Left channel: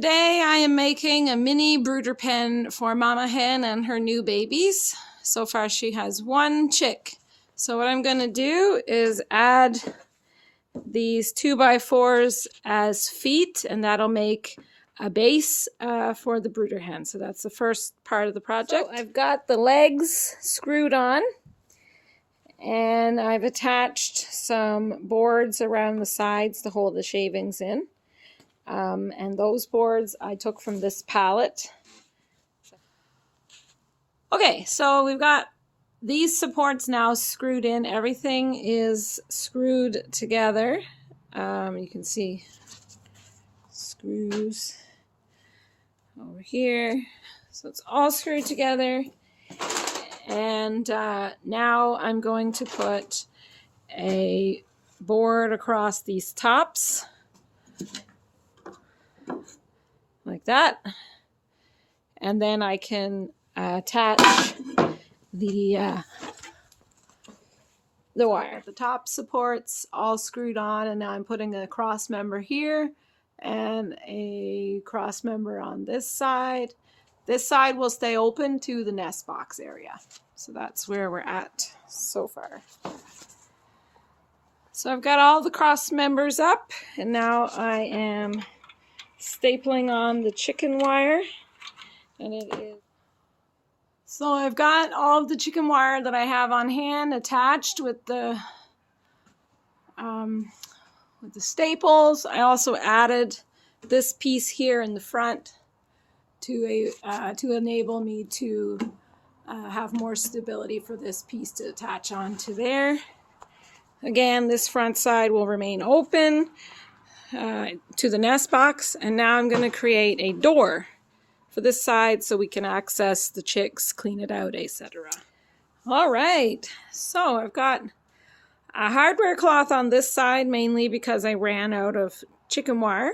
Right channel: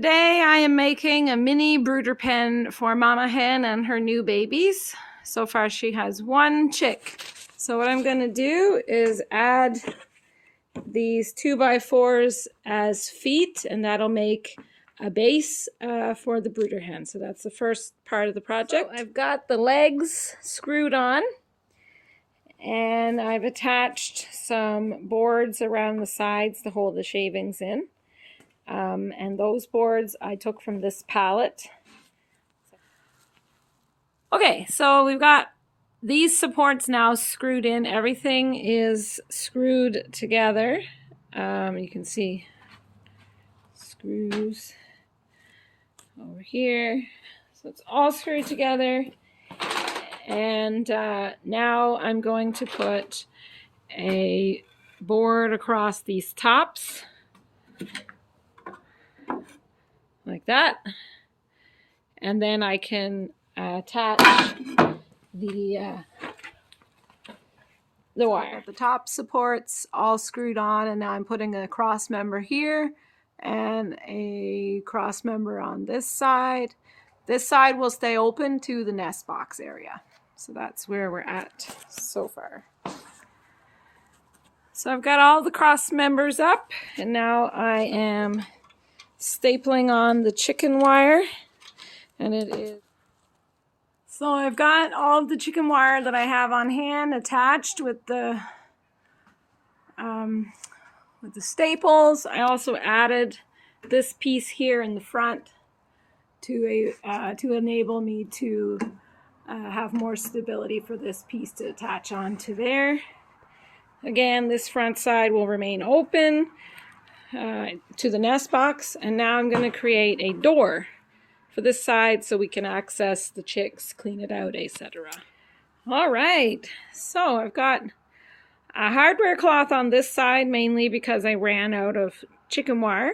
Today I am making a mini brooder pen for Mama Hen and her new babies. So far she has one chick. So what I'm going to do is add these 2x4s as feet, and that'll make a base for the brooder hen. So that's the first part of the project. So I've got the legs screwed on, and I've attached some boards around the sides to hold the shavings in. And those boards I took from this pallet. Okay, so we've got these supports now screwed in. Everything is screwed together. You can see screws over here. So it's all screwed together. And now I'm going to put a board across these tops. Like that, and then I can attach the wire. The top supports all screwed on, and now I'm putting a cross member here and a cross member on this side. This side will stay open to the nest box area. So that's where we're at so far. So I've got all the cross members up, and now I am stapling on the chicken wire, and it is. So I've got all of the chicken wire that I have on hand attached with the staples. I also added this piece here in the front to enable me to have more stability for this piece to attach onto there. Again, this front side will remain open to the nest box, and now I'm going to create a door for this side so we can access the chicks, clean it out, etc. All right, so I've got a hardware cloth on this side mainly because I ran out of chicken wire,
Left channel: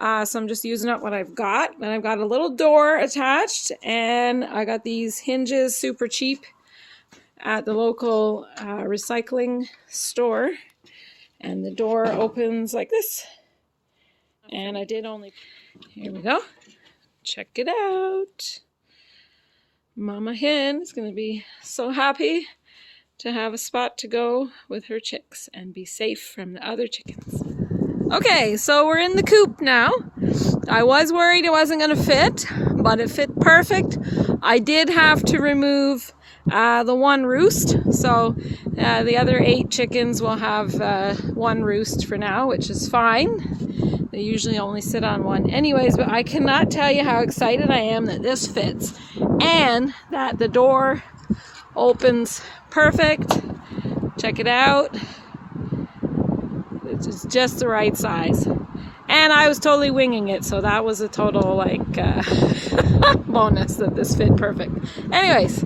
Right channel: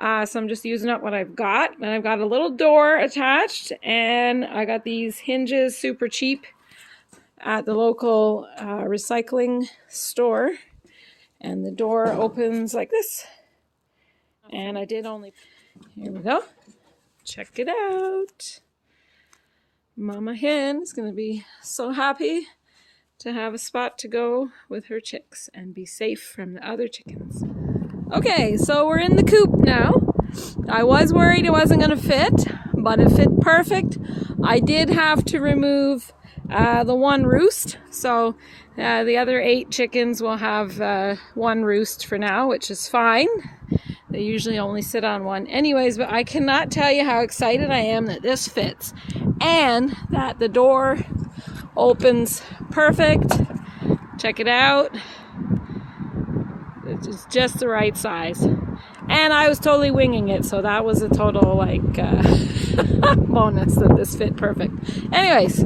so I'm just using up what I've got. And I've got a little door attached, and I got these hinges super cheap at the local recycling store, and the door opens like this. And I did only, here we go, check it out. Mama Hen is going to be so happy to have a spot to go with her chicks and be safe from the other chickens. Okay, so we're in the coop now. I was worried it wasn't going to fit, but it fit perfect. I did have to remove the one roost, so the other 8 chickens will have one roost for now, which is fine. They usually only sit on one anyways, but I cannot tell you how excited I am that this fits and that the door opens perfect. Check it out. It's just the right size. And I was totally winging it, so that was a total bonus that this fit perfect. Anyways,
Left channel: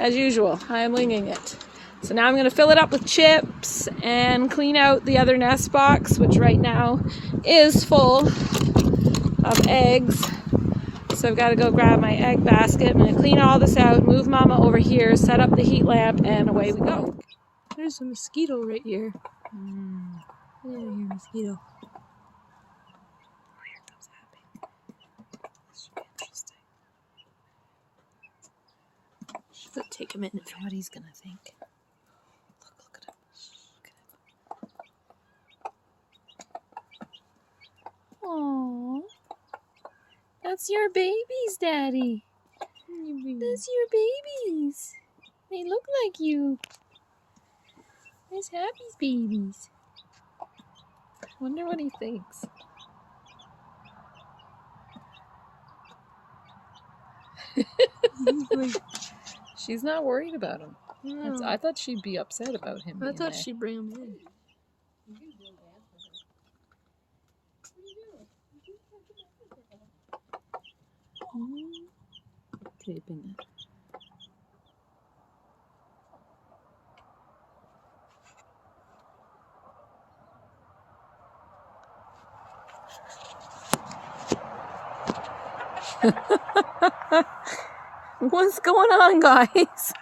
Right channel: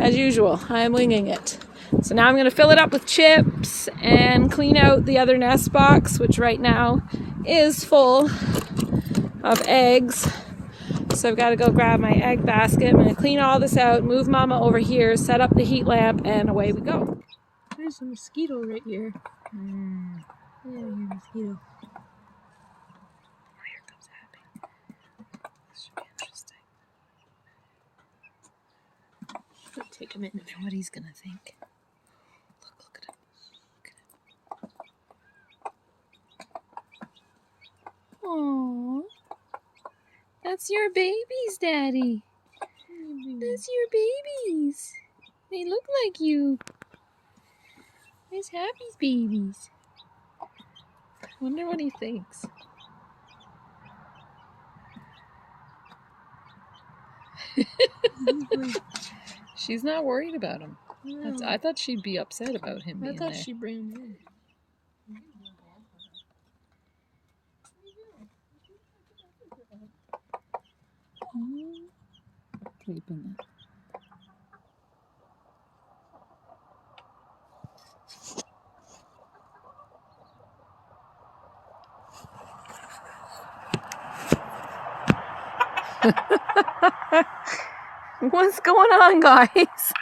as usual, I'm winging it. So now I'm going to fill it up with chips and clean out the other nest box, which right now is full of eggs. So I've got to go grab my egg basket. I'm going to clean all this out, move Mama over here, set up the heat lamp, and away we go. There's a mosquito right here. Yeah, you're a mosquito. Oh, here comes Abby. This should be interesting. Should take a minute for what he's gonna think. Look at him. Aww. That's your babies, Daddy. That's your babies. They look like you. There's Happy's babies. Wonder what he thinks. She's not worried about him. No. I thought she'd be upset about him being I thought there. she'd bring him in. Sleeping. What's going on, guys?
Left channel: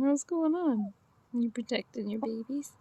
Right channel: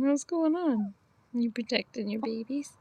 What's going on? You protecting your babies?